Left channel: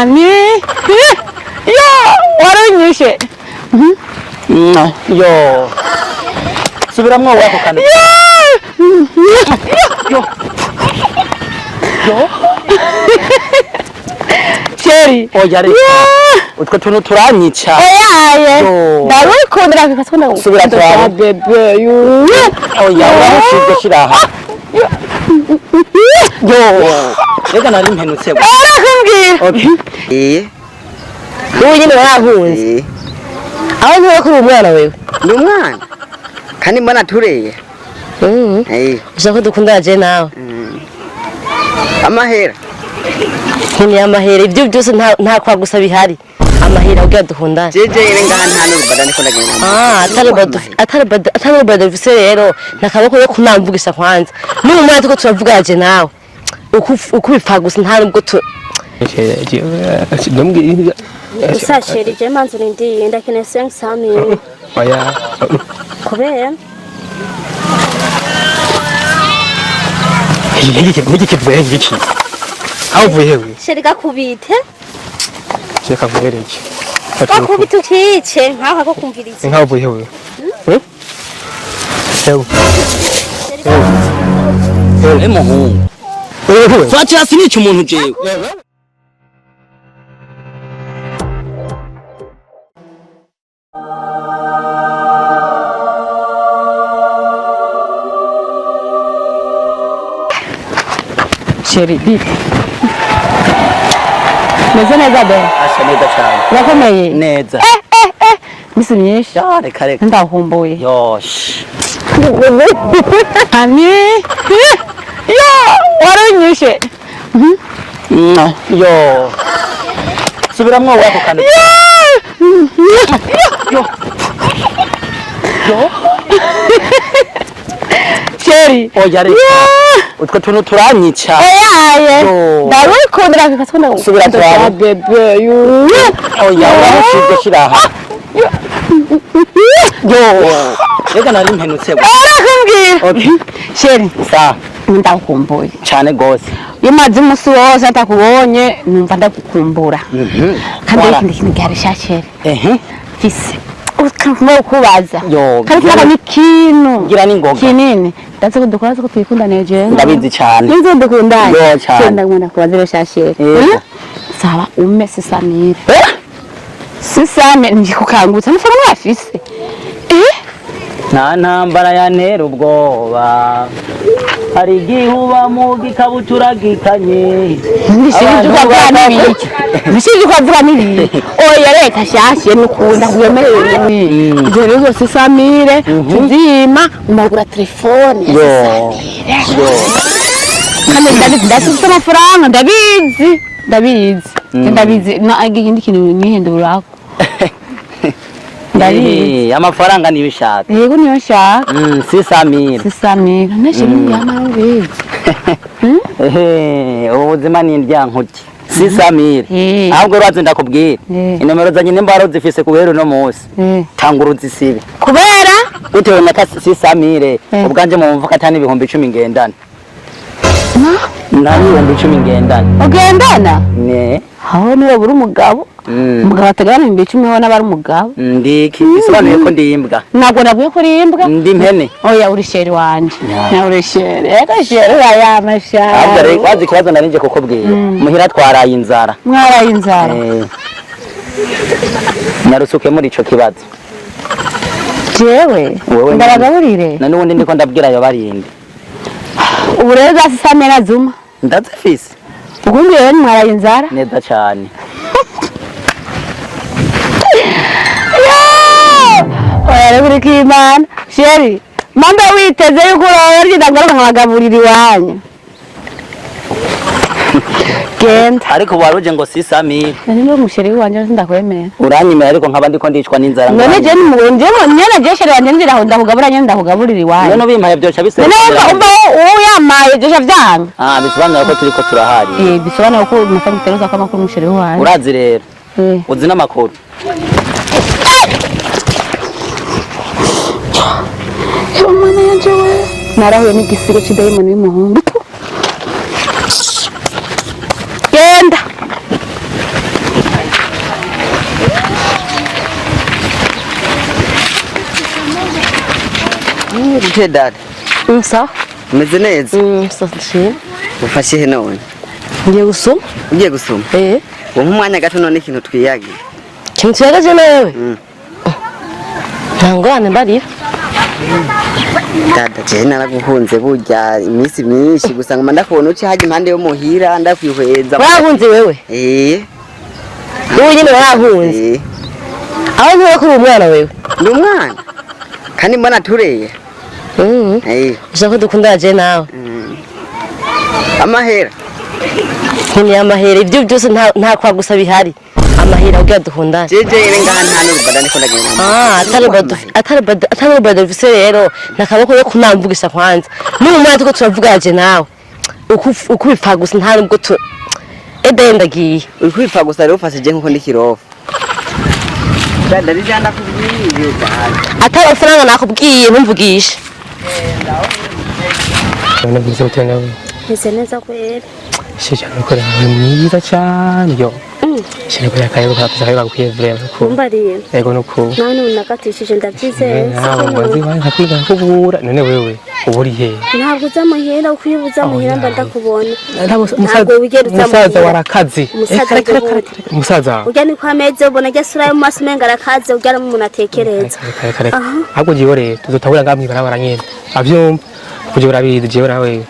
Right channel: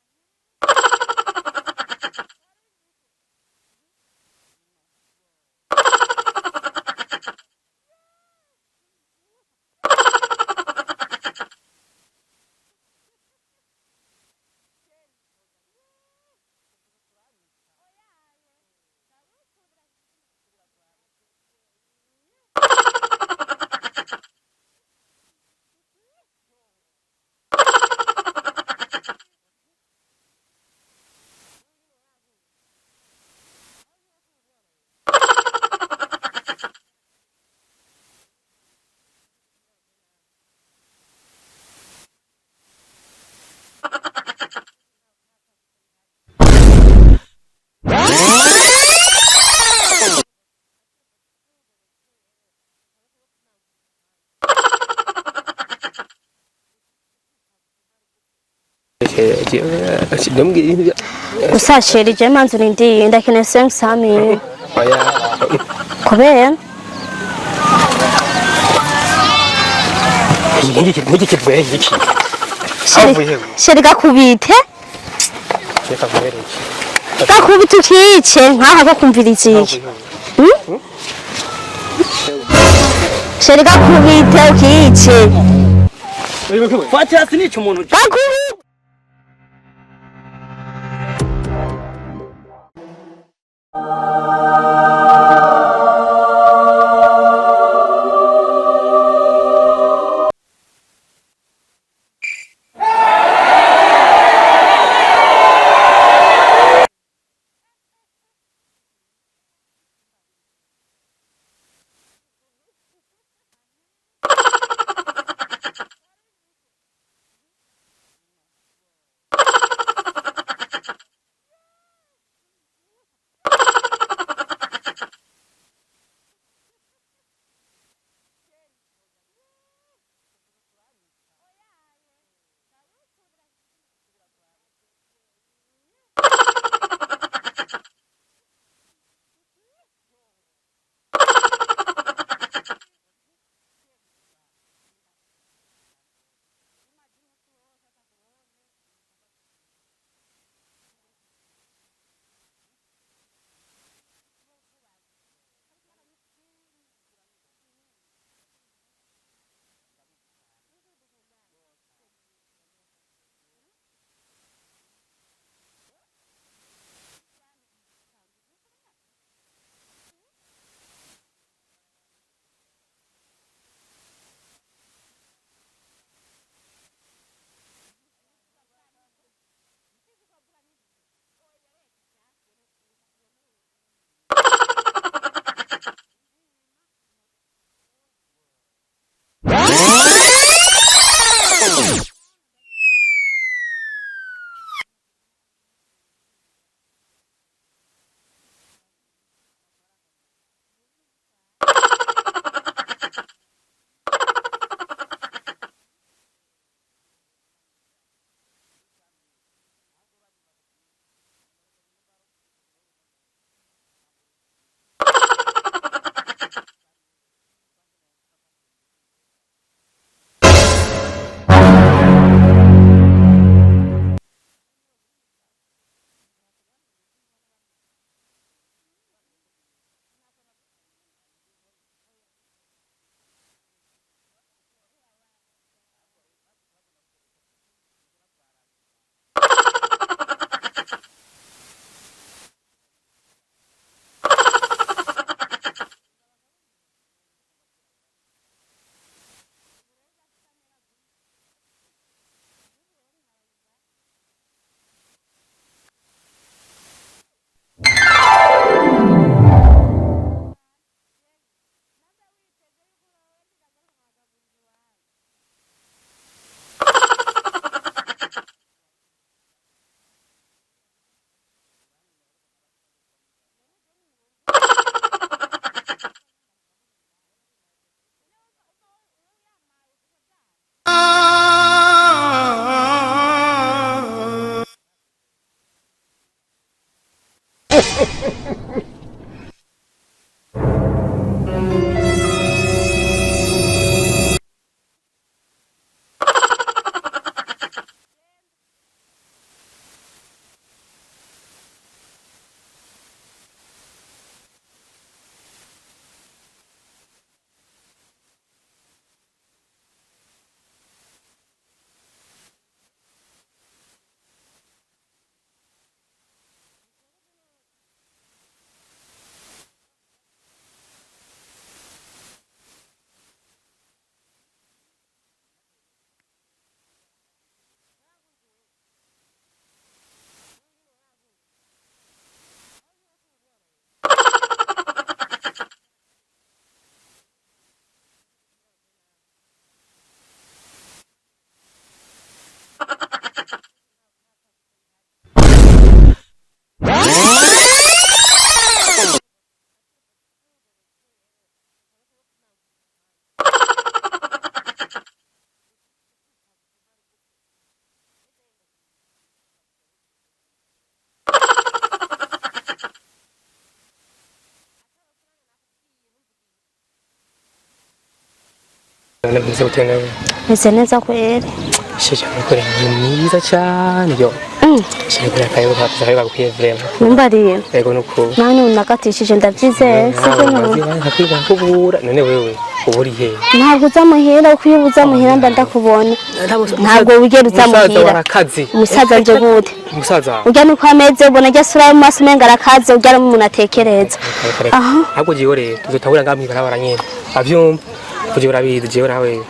Ani yo waranyishe yo subiramwo wako kandi yo Sheri oya reka utwo tuntu turanyica oyaye ndarukundira kakasona subira twawe bebe yu oya warashije shiraha yo reka nari mpenutse arakumbwira ubu nyine warahunze aho ntuye kuri umwana wewe ni umwana kandi mbona tureye ushaka ko dukundana je nawe amahera nkuni amahera ibyo byose nta kwa gusa bihari amahera ugiye dukundana atari bado vise rero nakaboko yo kunamvugisha kwanza ni umwana tuko turavuga je nawe uko bipfa gusa nta nubwo tu gusa sheri je manzu ndi ndakene 500 kubera niki kivuye ngiki avuye sheri gakubite sheka vuye iki gakubite ukice nkaho gakumvira iki avuye we sheri gakubite ukice fatira sinica umuntu je Sheri bit Neza neza be Bikomeye neza Misi myinshi reka reka ndahomboye yosh Ani yo waranyishe yo subiramwo wako kandi yo Sheri oya reka utwo tuntu turanyica oyaye ndarukundira kakasona subira twawe bebe yu oya warashije shiraha yo reka nari mpenutse arakumbwira Sheri sa ndakumbuye cyane gose iyo mazi umunsi wose atakubonye numva ndagukumbura kandi ikindi kintu gihari Sheri fise ukanwa kubaza kandi kana n'ikintu gira n'ingoga kinini ndaze kudukora ko twikundane je ndabizi cyane nizo dukundane yo cyane ndagumana kubaza Sheri saba ume sisamire sisame ndikukangutsa n'faranga afise nta ntambara yantera ubwoba hari igihuba mu gikabutura gikanye Nishije kwavuga n'ibiki oya reka shashe n'ukunda kuyemereye ibyo rero sisamire tuzima umagura telefone kandi ndafite amafaranga ndabizi na igindi kintu nihindura amafaranga nibishaka yego niyo nshaka sisamira neshe n'iyamabizi ubuzima ni indyankuti sisamire ahubwo rwazo ndakubwira inomero za nyine mbaro zifise kubera no munsi tangura uzisibe kubera bitewe na sisamire ubwanje mu mvuka atani ibihumbi 10 ngendana nawe ibihumbi 10 ngendana ugendana ne aho niwe buri umugabo umugabo atagana ibihumbi 10 wona bari umugabo ndiki bisobanuye ko ndimbwa ntabwo nabwiye ko rimbwa ndi mpene oya uri Sheri wanje na uri Sheri ega Sheri ya mashara ahubwo rero wazi kibazo narinje kukubwira muhira twaraye inzara mwaraye inzara narusuke muri ico kibazo jewe ndabagaburire na nubundi ndiko ndabwira yo barinde ubu rero zasisamira zuma ndazifise ugundi rero mwaraye inzara neza cyane oya rero uri kimana Sheri mamba witeze yuko urarya ndagaruka nkagaburira iwanyu genda ariko waruje ngo sisamire niba umusheri wanje ndakwemera uranyimera ariko nkaba ndiko ndicwa n'inzara none je ni mugonje mwene je Sheri wanje ndira ndakugaburanya ndakugaburira iwanyu none ubimpaye byoca bise none umba uyamaye je vyanga bisobanura ko turiko turahaje bisobanura ko umusanyi tereza kama ko umusheri wanje urazi rero uzi n'amakuru narahuye n'igisigo cy'idayimoni y'umuhungu genda gute dada Sawa. umeze neza Sawa. ufashe he none Ngiye gusoma. ugiye gusoma uwo nk'umwanya gato none ikintu twiyagiye Kintu cyagaje nawe. Ntangwane mbarira. dada je naraguhunze burya iminsi myinshi gusa ngoma ndakubona uci haje impande yo muhira ndakwihweza Warahunze wewe? Wowe nyine warahunze. Aho ntuye kuri umwana wewe. Ni umwana kandi mbona tureye ushaka dukundana je nawe. Amahera Nkuni amahera ibyo byose nta kwa gusa bihari. Amahera ubwo dukundana. Atari bado vise rero nakaboko yo kunamvugisha kwanza. Ni umwana tuko turavuga je nawe. Ukubipfa gusa nta nubwo tu ndagiye. Ukubipfa gusa rero ufasije nkuko ndikirofa. Dada rijanda kubwiye atari amafaranga nakubwiye ntumvugisha. Meze neza kweli. Shesha ukora mwiza cyane yo. Shesha kora kayo kapisa kwiyevera. Mumbariye. Yego nuko. None unakatishije ndabyizeye. Hakwiga kubura none wewe uburi he. Ntabwo uzamuhira ukwibuza muhira ndakubona. Ntabwo ugera uzamuhira. Musaza warakazi. Musaza jogote. Musaza. Ujya ni kwa meze ubona jya sura mu maso menga arakaze ujya mu munatekereza. Ahubwo giye rero tuzotabura ngamwe barabara nyene. Avyumva. Kuje urabizi je urawe.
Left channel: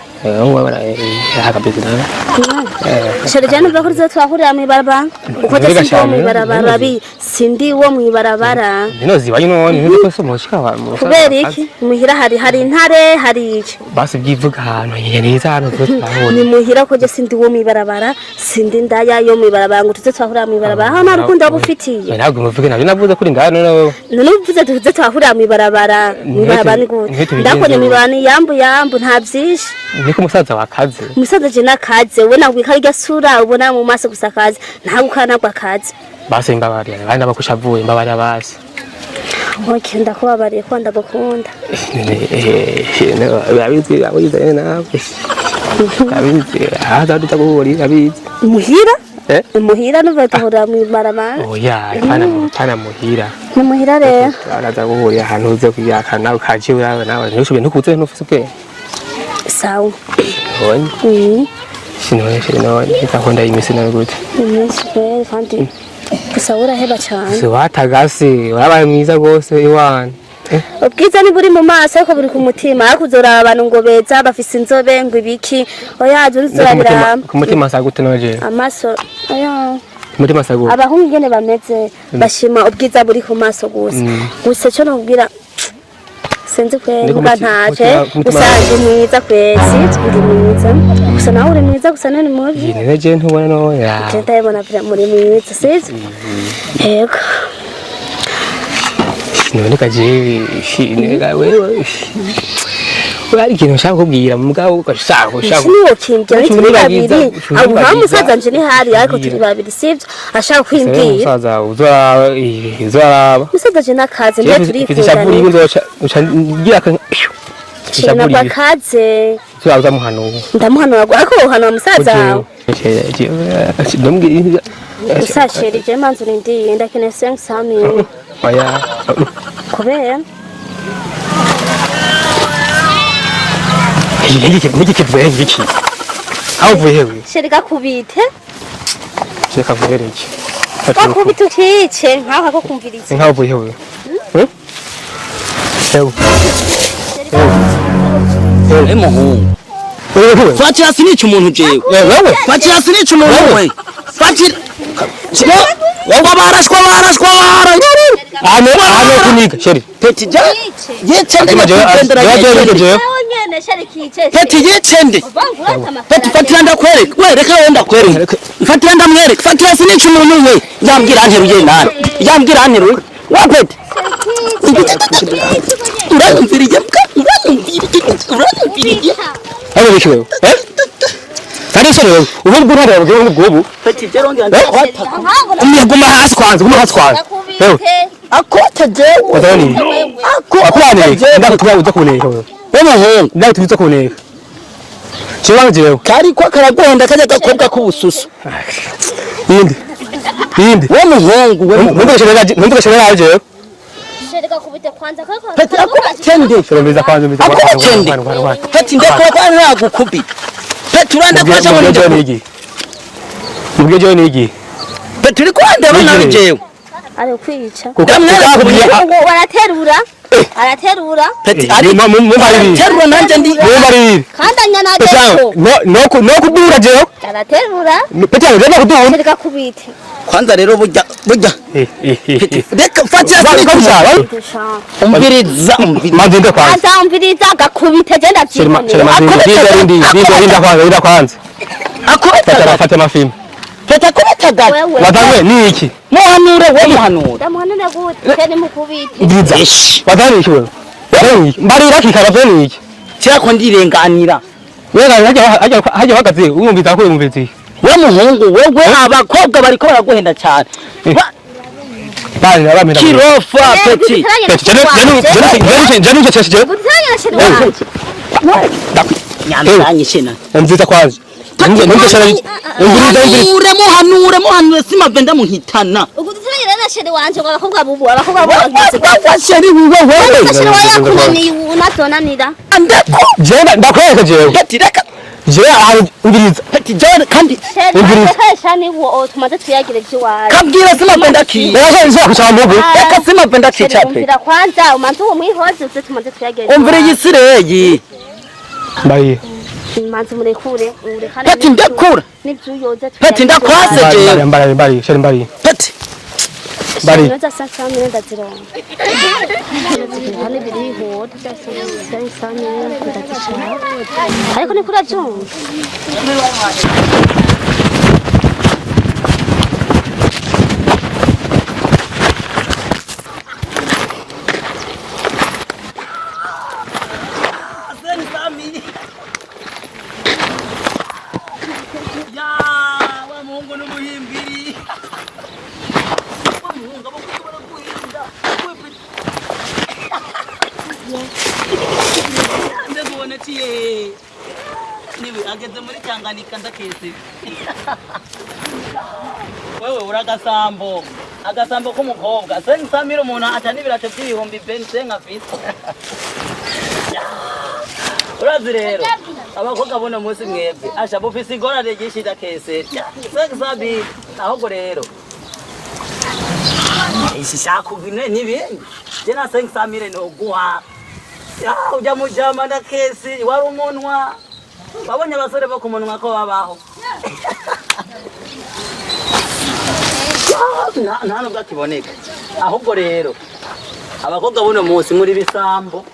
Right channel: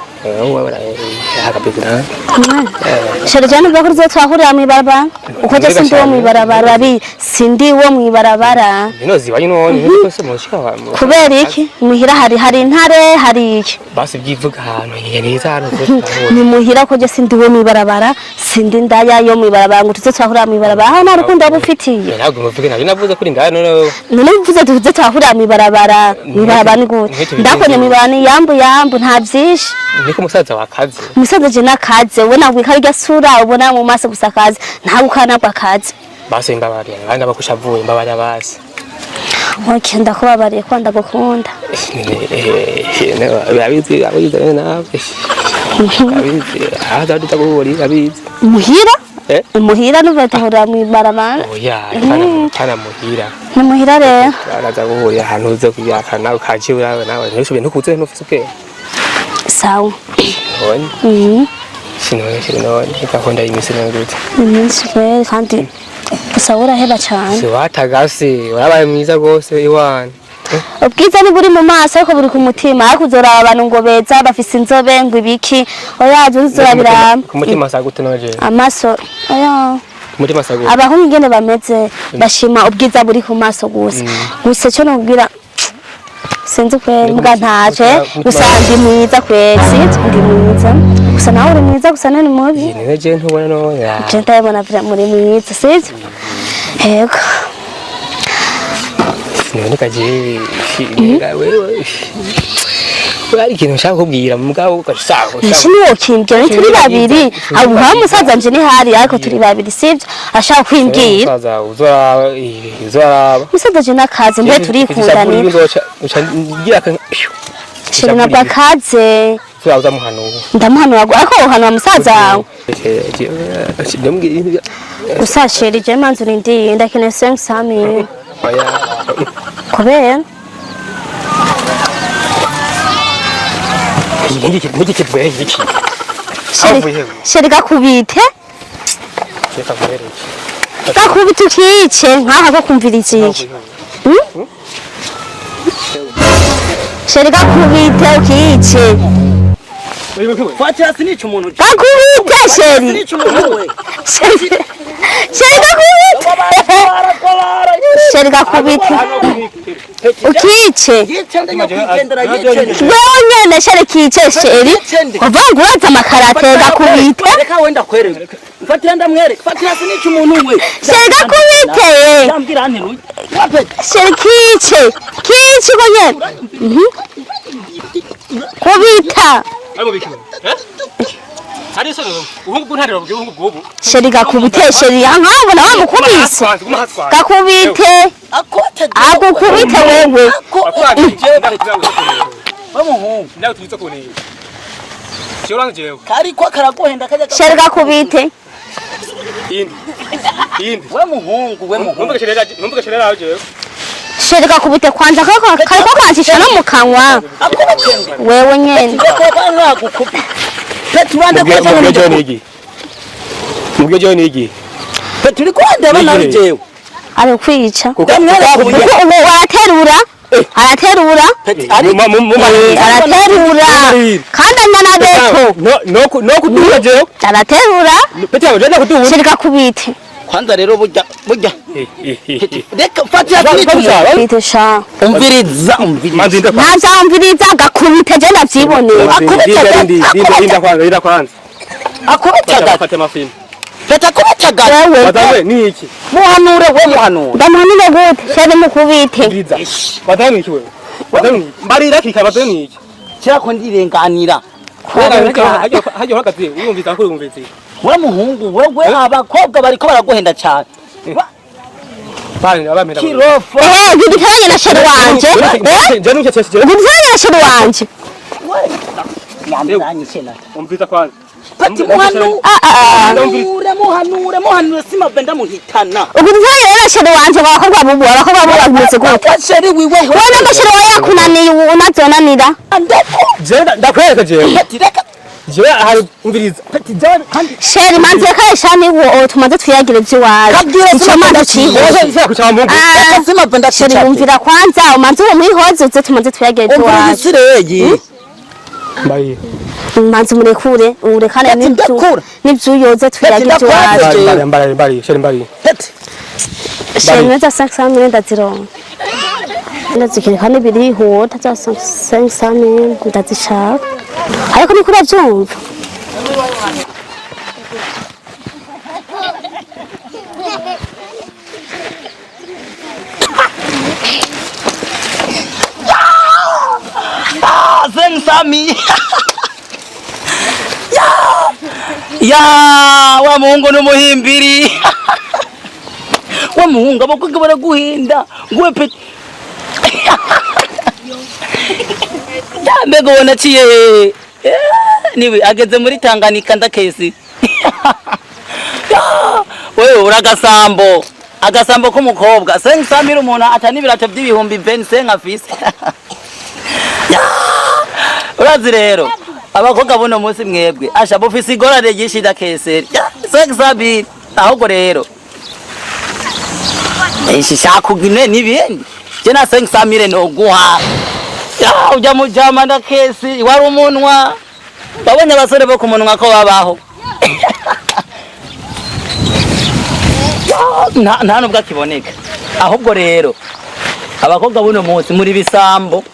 Sharjani bakuruza twahurira mu ibarabara uko sindi wo mu ibarabara bi sindi wo mu ibarabara Nino ziba yino niko se mushika wa kubera iki muhira hari intare hari iki basi byivuga ahantu yereza hano ni muhira ko je sindi wo mu ibarabara sindi ndaya yo mu ibarabara ngo tuze twahurira mu ibarabara aho narukundo agufitiye ntabwo muvuge nabyo navuze kuri ndaya none uvuze tuze twahurira mu ibarabara ngute ndakone mu ibarabara yambu nta byinshi niko musaza wakaze musaza je nakaze ubona gwika rya sura ubona mu maso gusakaze nta gukana kwakaze basi mbabari abandi abakushavuye mbabari abasi Nkenda kubabariye ko ndagukunda abizi abizi nawe abizi aza dutaguhuri abizi muhira umuhira nuvetahura mu ibarabara oya kana muhira ni muhira rero araza guhurira ahantu uze kuyakana ukaje urawe nawe nisho bintu kuze ntufise ubwe sawa Sino ikakunda imisi na gute iminsi kweli kandi usabura heba cyane watagase wabaye mwiza gose iwana ubwiza ni buri mu maso ariko buri ku mutima akuzora abantu ngo beza bafise inzobe ngo ibiki oya nzurabira ku mutima sagute naje amaso oya mutima sagute abahungu ngene bameze bashima ubwiza buri ku maso gusa gusa cyo nubwira sinzi kweli mbwa ntaje usanga mwiza kwezi ndi mwiza gusa nawe uri mwiza gusa nani mubi ni je ntubona no ya je ndabona muri mwiza sivyo yego noneka je nega wewe wari kintu nshaka kubwira mugabo ugashaho shino kimbye turi babiri abo musaza nje ni hari ariko turi babiri sivyo ashaka kwimbwira musaza uzaba musaza je nakaze niyo turi kundana ucangira kan shina bakaze cyaza muhanuye ndamuhanura ariko uhanura musaza wawe ndambwira usasheri je manzu ndi ndakene 500 kubera niki kibwe niki avuye sherika kubite sheka vubere iki kakubita ukice nkaho bakumvira iki avuye we sherika kubite ukice Fatira sinica umuntu je. Fatira sinica umuntu we. Sherika Sherika kubite sheri ukice Yetsende none sherikice yetsende. uvangu uraza amakarate Kwereka wenda kwereka. Fatira ndamwereka. Fatira sinica umuntu we. Yambwira ntirugenda. Yambwira ntiru. Wapeta. sherikice kici bonye Uramviriye. ubita abo bishowe Kari sore ubu burare bwo sherika kubite sherika nkabona guma haswanze kakubite Akote je. akukubite wewe akwane ndakutwa uza kuneka Umuhungu. ndakutwa kuneka Chiwanje Kari kwa karagwenda kaje sherika gakora kubite yindi we muhungu we ntugasherera aje Shereka kubite kwanza kariko kwanshisha no mu kanwa. akubitende Wewe nyene. ndakora nagukubita turande kwaje mubyo niki turi kwandeba nawe jewe Ari kwica. Araterura. Kandi anyana deso. no kuduga jewe Araterura. petero renda kuduga Shereka kubite. kwanza rero burya reka fatira Bite sha. umviriza manzinda kwa Naza umviriza agakubite je ndavyibonera. akubita kwanza akubitaga fate mafilm tata kubitaga wadawe niki muhanure we muhanure Ndamuhanire gute? Shere mukubite. wadawe niki wewe mbarira kikarazo niki cyako ndirenganira hajya hagaze umumvita ko umumviti we muhungu wewe abakobwa bariko baraguhenda cyane bani naramira kirofa Bibitanye na shere wanje. nje cyashije Bibitanye na shere wanje. nyamanye shena umvita kwanza muhanure simave ndamuhitana Ubutanye na shere wanje bakobwa bubu bakobwa bameze gute? sheri wiwe Wewe shere wawe yakunaniye unazonanira. jenda ndakwereka jewe reka jewe ahari umviriza jana kandi Shere manze kayishani wo tumaze twiyagire by'iwawe. kabwira simave ndaciye reka simave ndaciye Shere umvira kwanza umanze wo mwihoze uze tumaze twiyagire umvira by'iwawe. yisireyi mbaye Manze murekure urekane Peti ndakura. n'ibyuyoze Peti twiyagire ndakwaza by'iwawe. mbari sheri mbari peti Shameza 500 ndazironka. Ndazikirikana birihuta byose 500 ndazishaka. Ariko ni kuri byumva. Sami ya wa muhungu n'umuhimbiri wa muhungu abakobwa baraguhinda we pe mbega ubona aciye niwe ageze muri Tanganyika ndakesi wewe agasambo k'umukobwa sengisamira umuntu atani ibirato by'ibihumbi 25 afise urazi rero abakobwa buno munsi mwebwe asha bufise igorane gishida keseri sengisabi ahubwo rero shakugine nibindi je na sengisamire no guha ujya mujama na kesi wari umunwa babonye abasore bo kumunwa ko babaho nta nubwo akiboneka ahubwo rero abakobwa buno munsi muri bisambo